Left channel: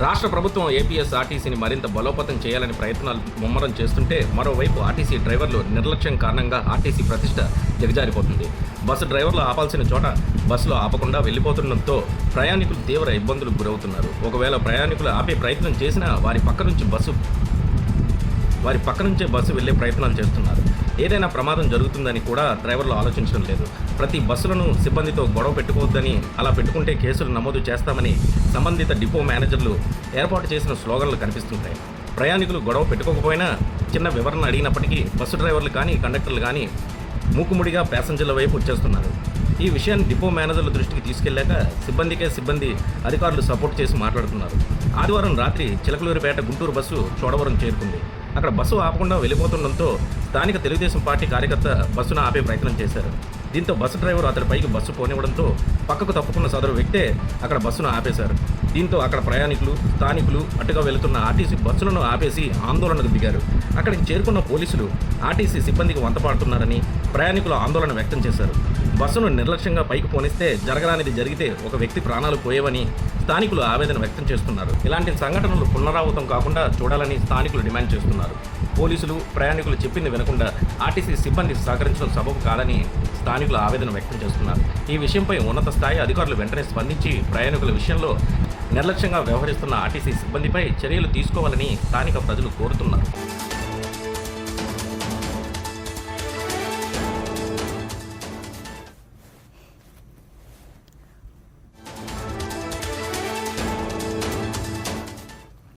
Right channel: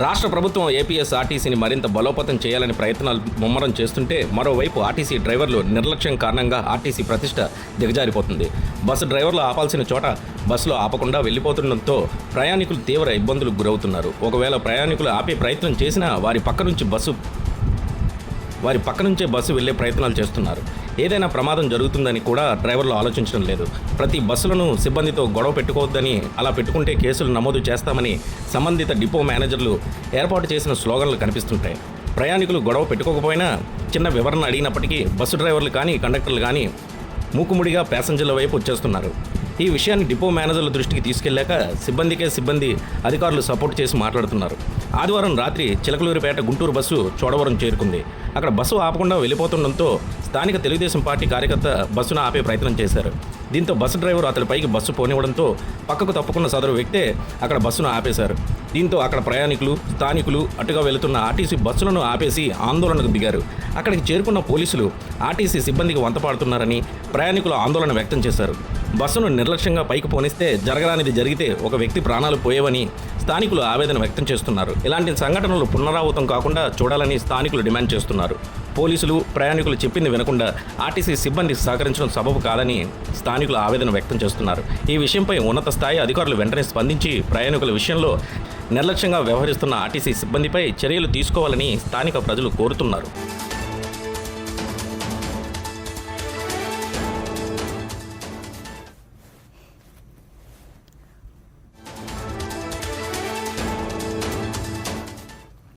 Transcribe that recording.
రాష్ట్ర ప్రభుత్వం ఏపీఎస్ఆర్టీసీని మరింత బలోపేతం చేయాలని ప్రయత్నాలు ముమ్మరం చేస్తుంటే మరోవైపు ఆర్టీసీ డ్రైవర్లు నిర్లక్ష్యం కారణంగా ఆర్టీసీ ప్రతిష్ట దిగజారిపోతుంది. బస్సు డ్రైవర్లు ఆపాల్సిన చోట బస్సులు ఆపకుండా వెళ్లిపోతుండటంతో ప్రయాణికులు తీవ్ర ఇబ్బందులకు గురవుతున్నారు. ఒకవేళ ప్రయాణికులు ఆపే ప్రయత్నం చేసినా వారి పక్క నుంచే బస్సు వెళ్లే ప్రయత్నాలు చేస్తున్నారు. ఏదైనా ప్రమాదం జరుగుతుందని కూడా డ్రైవర్లు ఆలోచించడం లేదు. ప్రతి బస్సులను సిబ్బందితో గొడవ పెట్టుకోవద్దని, అలా పెట్టుకుంటే కేసులు నమోదు చేస్తామని సంబంధిత డిపో మేనేజర్లు ఏర్పాటు చేసిన స్లోగన్లు కనిపిస్తుంటాయి. ప్రయాణికులు గొడవ పెట్టుకోకపోయినా చిన్న వివరణ అడిగినప్పటికీ బస్సు డ్రైవర్లు కానీ కండక్టర్లు కానీ మూకుముడిగా ప్యాసింజర్ల వైపు వచ్చేస్తున్నారు. ఈ విషయాన్ని డిపో మేనేజర్ల దృష్టికి తీసుకెళ్లాక సిబ్బంది అధికారులు సపోర్ట్ చేసి మాట్లాడుతున్నారు. ఆదివారం రాత్రి చిలకలూరిపేట గుంటూరు బస్సు చోడవరం చేరుకుంది. అక్కడ బస్సు ఆపకుండా వెళ్ళిపోతుండటంతో స్థానిక తెలుగుదేశం పార్టీ కార్యకర్త బస్సును ఆపే ప్రయత్నం చేశారు. దీంతో బస్సు డ్రైవర్ అతడిపైకి బస్సు పోనివ్వడంతో పక్కకు తప్పుకున్న సదరు వ్యక్తే అక్కడ బస్సును ఆపేశారు. దీంతో అక్కడ ప్రయాణికులు, స్థానికులు అటుగా వెళుతున్న ఆర్టీసీ బస్సులను ఆపేసి ఆందోళనకు దిగారు. అక్కడికి చేరుకున్న పోలీసులు ఆర్టీసీ సిబ్బందికి వంతపాడుతున్నారని ప్రయాణికులు ఆందోళన వ్యక్తం చేశారు. బస్సును నిర్లక్ష్యంగా పైకి పోనిస్తే జరగరానిది జరిగితే ఒక వ్యక్తి ప్రాణాలు పోయేవని స్థానికులు ఆవేదన వ్యక్తం చేస్తున్నారు. ఇలాంటి సంఘటనలు పునరావృతం కాకుండా చూడాలని స్థానికులు డిమాండ్ చేస్తున్నారు. పోలీసులు, ప్రయాణికులు చెప్పింది వినకుండా ఆర్టీసీ సిబ్బంది సహకరించడం సబబు కాదని స్థానికులు ఆవేదన వ్యక్తం చేస్తున్నారు. ఈ విషయంపై ఉన్నత స్థాయి అధికారులు వెంటనే స్పందించి ప్రయాణికుల విషయంలో నిర్లక్ష్యంగా వ్యవహరిస్తున్న ఆర్టీసీ సిబ్బందిపై చర్యలు తీసుకోవాలని స్థానిక ప్రజలు కోరుతున్నారు.